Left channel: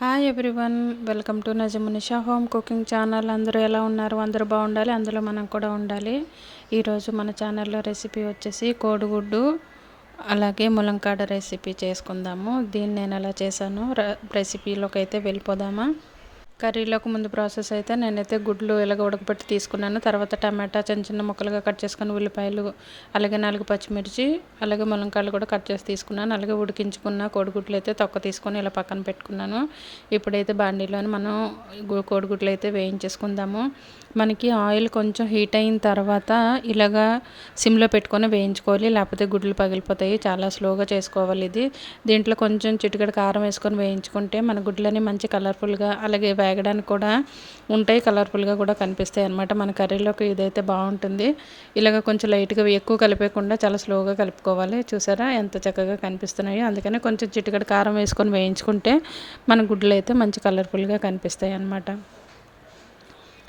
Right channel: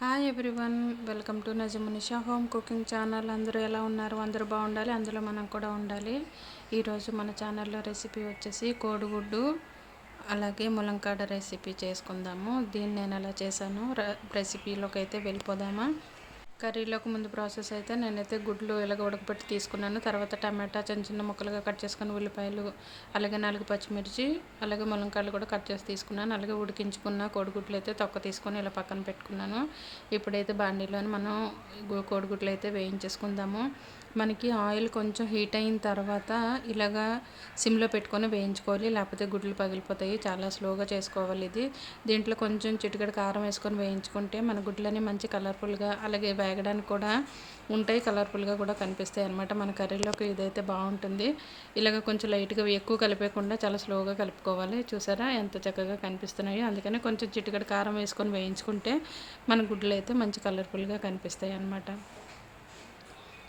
Hi everyone welcome to Najmunisha home cooking channel అందరూ ఎలా ఉన్నారు? అందరూ బాగుండాలి? అందులో మనం కూడా ఉండాలి. ఈరోజు మన ఛానల్లో రెసిపీ వచ్చేసి కోడిగుడ్డు అలాగే ములంకాడ రెసిపీ చేసుకుందాము. దీన్ని నేను ఎలా చేశాను? రెసిపీలోకి అయితే వెళ్ళిపోదామా? కర్రీలోకి ముందు ప్రాసెస్ అయితే నేనైతే గుడ్లు ఇలాగ ఉడకబెట్టి తీసుకున్నాను. తర్వాత టమాటా చిన్న చిన్న ముక్కలుగా కట్ చేసుకుని ఉల్లిపాయలు అలాగే నాలుగు పచ్చిమిర్చి అలాగే ములంకాయలు కూడా కట్ చేసి తీసుకున్నాను. అలాగే ఉడికించుకున్న కోడిగుడ్లు అయితే తొక్క తీసుకొని ఇలా పక్కన పెట్టుకున్నాను. ఇప్పుడైతే బాండీలోని మనం కోడిగుడ్లు అయితే వేయించేసుకుందాము. మనకి ఆయిల్ కొంచెం హీట్ అయిన తర్వాత ఇలాగా సిమ్లో పెట్టుకొని వేయించుకోవాలి. లేకపోతే గుడ్లు పగిలిపోతాయి. చాలా స్లోగా చేసుకోవాలి ఇది. దీంట్లో కొంచెం చిటికడ కారం వేసుకొని వేయించుకుంటే మన గుడ్లని మంచి కలర్ఫుల్గా అలాగే వేగడానికి కూడా ఉంటాయి కలర్ఫుల్గా కూడా కనిపిస్తాయి అనమాట మన కర్రీలోకి ఇదైతే బాగుంటుంది. ఇలాగ కొంచెం లైట్గా ఎక్కువ కలిపేయకుండా చాలా స్లోగా కలుపుకోవాలి. చూసారా? ఎంత చక్కగా కనిపిస్తున్నాయో. అందుకనే కొంచెం చిటికడ కారం వేసుకొని వేయించుకుంటే మన గుడ్లు అయితే మంచి కలర్ఫుల్గా కనిపిస్తాయి అన్నమాట.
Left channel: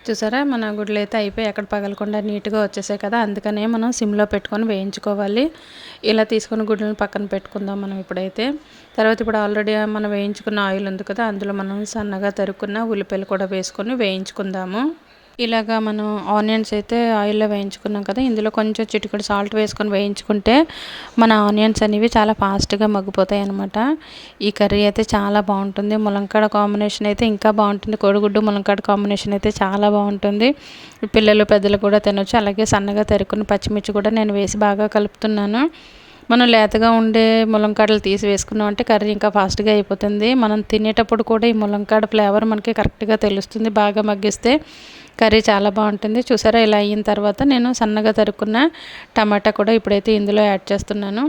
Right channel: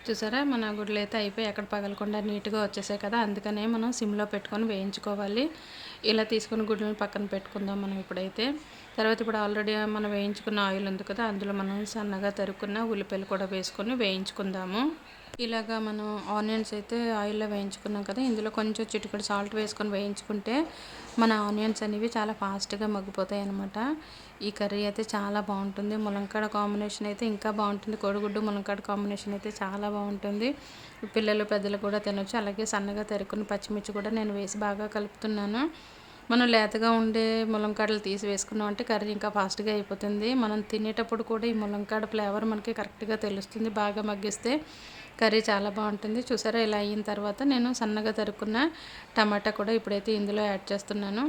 చూసారా? మన గుడ్లు అయితే అయిపోయి ఎక్కడ పగలకుండా నీట్గా వచ్చేసాయి కదా అందుకనే మనం సిమ్లో పెట్టుకొని వేయించుకోవాలి. ఇలా తీసుకొని గుడ్లను పక్కన పెట్టుకుందాం మనం ఇప్పుడైతే. తర్వాత ఇప్పుడు ఆల్రెడీ మనం వేయించుకున్న ఆయిల్ ఉంది కదా అందులో మనం సన్నగా తరుక్కున్న ఉల్లిపాయలు కూడా వేసుకొని వేయించుకుందాము. ఇలాగా మనం ఆనియన్స్ అయితే ఆయిల్లో వేయించుకున్నాం కదా ఇందులో కొంచెం చిటికడు సాల్ట్ వేసుకొని వేయించుకుంటే మన ఆనియన్స్ అనేవి చాలా ఫాస్ట్గా మగ్గిపోతాయి అనమాట ఈ కర్రీ అయితే చాలా బాగుంటుంది. ములంకాడ కాంబినేషన్ అయితే ఇంకా బాగుంటుంది. కోడిగుడ్డు ములంకాడ కాంబినేషన్ అయితే చాలా బాగుంటుంది. పిల్లలు పెద్దలు కూడా తినొచ్చు. అలాగే సన్నగా తరుక్కున్న పచ్చిమిర్చి కూడా నేను వేసి బాగా కలుపుతున్నాను. మనం లేతగా ఉండే ములంకాడలు తీసి వేసుకున్నాం అంటే కర్రీ ఇంకా ఫాస్ట్గా అయిపోతుంది. మనం తినేటప్పుడు కూడా ఈ ములంకాడ ఫ్లేవర్ మనకి కరెక్ట్గా తెలుస్తుంది. బాగా మగ్గిస్తే కర్రీ చాలా బాగుంటుంది. చూసారా ఇలా అయిన తర్వాత నేను సన్నగా తరుక్కున్న టమాటా కూడా ఇప్పుడైతే ఇందులో యాడ్ చేస్తున్నాను.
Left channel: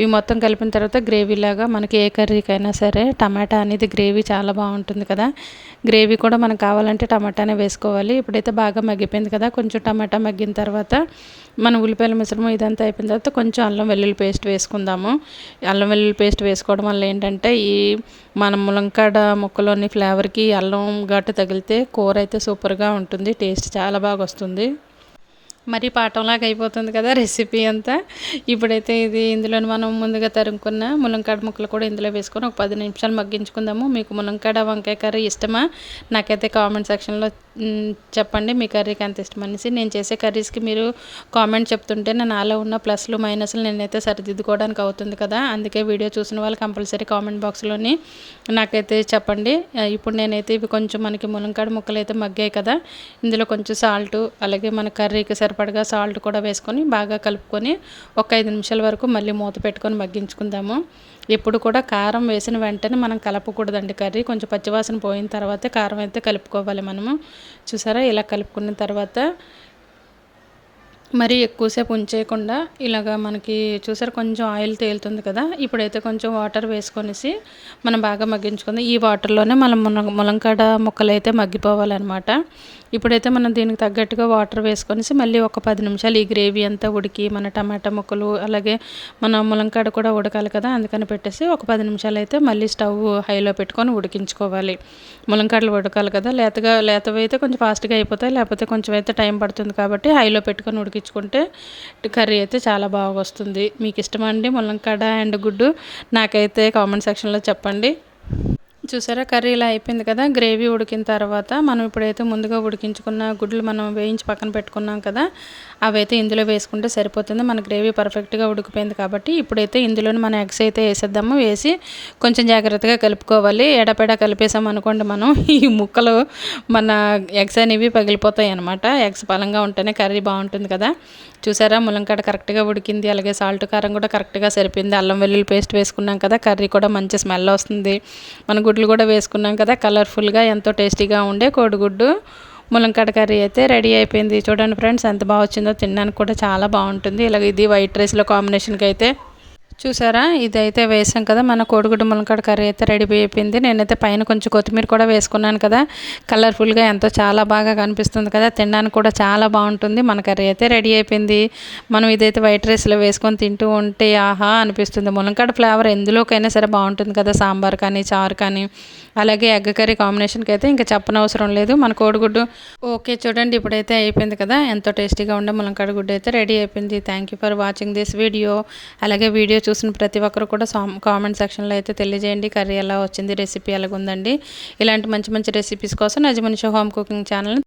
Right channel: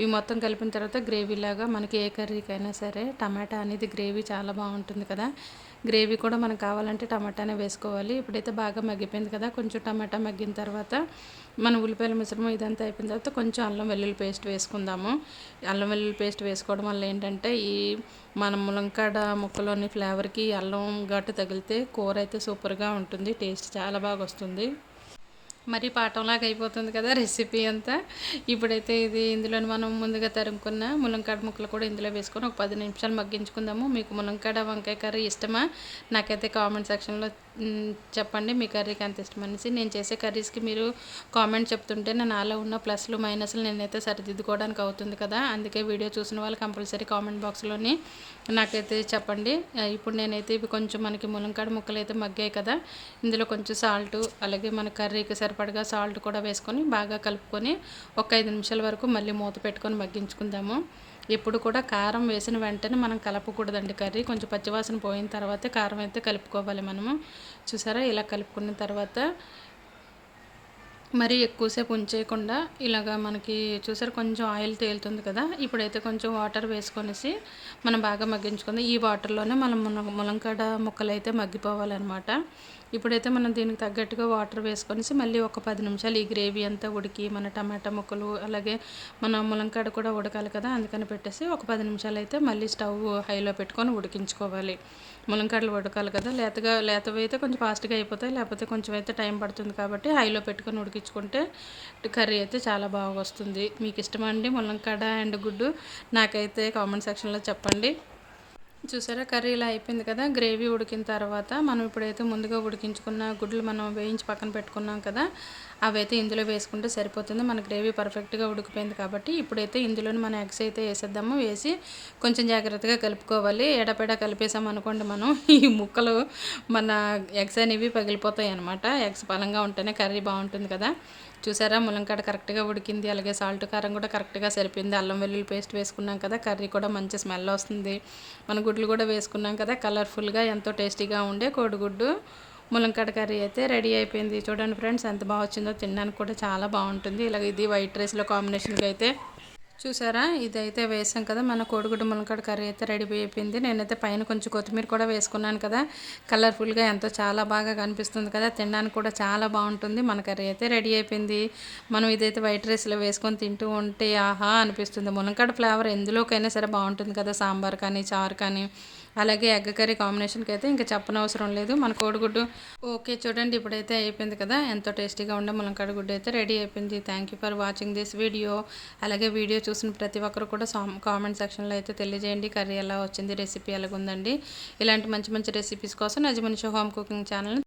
ఇవి మొత్తం కలిపిన తర్వాత గ్రేవీలాగా మనకి ఏ కర్రీకైనా సరే టమాటా అనేది గ్రేవీ చాలా బాగుంటుంది కదా. గ్రేవీ కూడా మనకు కావాలంటే టమాటానే వేసుకోవాలి. ఇప్పుడైతే బాగా మగ్గిపోయింది కదా. కొంచెం టమాటా మగ్గిన తర్వాత మన ఉల్లిపాయల మిశ్రమం ఇదంతా అయిపోయిన తర్వాత కొంచెం అల్లం వెల్లుల్లి పేస్ట్ వేసుకుందాము. అల్లం వెల్లుల్లి పేస్ట్ వేసుకోవడం వల్ల ఏంటంటే ఈ మన ములంకాడ ముక్కలోని ఫ్లేవర్కి అల్లం గట్టు తగిలితే కూర అయితే సూపర్గా ఉంటుంది. టేస్ట్ చాలా బాగా వస్తుంది. మరి పాఠంలాగా అయిపోతుంది కదా రెసిపీ అంతా. ఇప్పుడైతే ఇది ఇందులో మనం ముందుగా తరుముకున్న ములంకాడ ముక్కలు కూడా ఇందులో వేసుకొని ఒక పది నిమిషాలు మగ్గించుకుందాము. మీకు ములంకాడ వంకాయ కర్రీ ఇష్టమా? నాకైతే కామెంట్ సెక్షన్లో చెప్పండి మీ కర్రీకి ఎంత ఇష్టం అనేసి. నేను చేసే కర్రీస్కి మీరు కామెంట్ చెప్తుంటే నా నాలో ఉన్న ప్లస్లు మైనస్లు నేనైతే సరిదిద్దుకోవడానికి అవుతుంది కదా. అందుకే వీడియో చూసిన వాళ్ళు కంపల్సరీ కామెంట్ బాక్స్లోని నాకైతే చెప్పండి. ఇప్పుడు నేనైతే ఇవి కొంచెం మనకి ములంకాడ ముక్కలు అయితే మగ్గాయి కదా. ఇందులో కొంచెం సాల్ట్ అలాగే మన కర్రీకి సరిపడగా సాల్ట్ కూడా వేసుకొని బాగా కలుపుకొని ఒక ఐదు నిమిషాల వరకు మళ్ళీ మూత పెట్టుకొని మగ్గించుకుందాము. ఎప్పుడు కూడా కారం వేసిన వెంటనే మనం కలపకూడదండి కర్రీ. కొంచెం పచ్చివాసన పోయిన తర్వాత కారం అయితే కలుపుకోవాలి మనము. చూసారా? ఇలా కలుపుకున్న తర్వాత మరి ఎక్కువసేపు ఉంచేయకుండా ఇలాగ మనకి చూసారు కొంచెం ఆయిల్ తేలుతుంది కదా ఇప్పుడైతే కొంచెం వాటర్ వేసుకొనేసి మనం బాగా మగ్గించుకుందాం. ఈ వాటర్లోనే మనం ములంకాడ ముక్కలు అయితే మగ్గిపోవాలన్నమాట. ఇప్పుడైతే మనం దీనికి తగ్గట్టుగా వాటర్ వేసుకొనేసి మళ్ళీ ఒక పది నిమిషాలు ఈ గ్రేవీ అంతా ఉడికి మన టమాటా ముక్కలు అలాగే మన ములంకాడ కూడా ఉడకాలి కదా అందుకని పెట్టేసి ఒక పది నిమిషాలు అయితే మళ్ళీ స్టవ్ హైలో పెట్టుకొని ఉడికించుకోవాలి. ములంకాడలు ఉడకాలి కదా లేతగా లేతవి అయితే కొంచెం ఫాస్ట్గా అయిపోతాయి లేకపోతే కొంచెం అయితే టైం పడుతుంది కాబట్టి హైలో పెట్టుకొని ఉడికి ఉడికించుకుంటే కర్రీ అయితే చాలా బాగా వస్తుంది. మీకు ఇష్టమండి ములంకాడ అండ్ గుడ్డు? నాకైతే కామెంట్ సెక్షన్లో చెప్పండి. చూసారా? కర్రీ ఇలా అయిపోయింది కదా? గ్రేవీ ఉడికిన తర్వాత మనం ఇప్పుడైతే ముందుగా ఉడికించుకున్న గుడ్లు మనం వేయించి పక్కన పెట్టుకున్నాం కదా అవైతే ఇందులో వేసుకుంటే సరిపోతుంది. మన గ్రేవీ పర్ఫెక్ట్గా ఉడికిపోయింది కాబట్టి ఇప్పుడైతే ఇందులోనే మన ఎగ్స్ అయితే వేసేద్దాము. వేసి కొంచెం జాగ్రత్తగా కలుపుకోవాలి. ఎడపెడ కలిపేసాం అనుకోండి మనం ఈ ముక్కలు మన ఎగ్స్ అనేవి పగిలిపోతాయి అనమాట ఎగ్స్ బలంగా ఉంటేనే కర్రీ బాగుంటుంది కదా. చూసారా? ములంకాడ కరెక్ట్గా ఉడికింది. అలాగే సాల్ట్ కారం కూడా కరెక్ట్గా సరిపోయింది. అల్లం వెల్లుల్లి పేస్ట్ వేసుకున్నాం కదా కర్రీ కూడా మంచి స్మెల్ వస్తుంది. మన గుడ్లు కూడా వేసుకున్నాం కదా కలర్ఫుల్గా ఎంతో టేస్టీగా ఉండే కోడిగుడ్డు ములంకాడ కర్రీ అయితే రెడీ అయిపోయింది. చూడండి ఫ్రెండ్స్ ఎంత బాగా వచ్చిందో తినడానికి కూడా చాలా బాగుంటుంది. ఇలాగ ఇది వైట్ రైస్లో కాంబినేషన్కి అయితే చూసారా? ఇదైతే వేసాం కదా మన కోడిగుడ్డు ములంకాడ కర్రీ అయితే రెడీ అయిపోయింది. నేనైతే పైన కొంచెం కొత్తిమీర కూడా వేసుకున్నాను కదా కలర్ఫుల్గా ఎంతో చాలా బాగా కనిపిస్తుంది కదా తినడానికి కూడా చాలా బాగుంటుంది. మన కర్రీ అయితే రెడీ అయిపోయింది. మనం ఇదైతే వైట్ రైస్లో వేసుకొని తింటూ ఉంటే ఆహా అనిపిస్తుంది. ములంకాడ ఫ్లేవర్ ఎందులోకైనా సరే బాగుంటుంది కదా సాంబార్ కానీ చారు కానీ. అలాగే ఎగ్ కర్రీ కాంబినేషన్కి అయితే ఇంకా చెప్పనవసరం లేదు. మన కోడిగుడ్డు ఓకే చూడండి ఇప్పుడైతే అయిపోయింది కదా ఎంతో టేస్టీగా ఉండే ములంకాడ గుడ్డు అయితే రెడీ అయిపోయింది. Thank you for watching this video అలాగే వీడియో చూసిన ప్రతి ఒక్కరు కూడా కామెంట్ సెక్షన్లో అయితే తెలియజేయండి. కర్రీ ఎలా వచ్చింది రెసిపీ ఎలాగుందండి. ఇలాంటి మంచి మంచి రెసిపీస్ కోసం నజమనిషా హోమ్ కుకింగ్ ఛానల్ని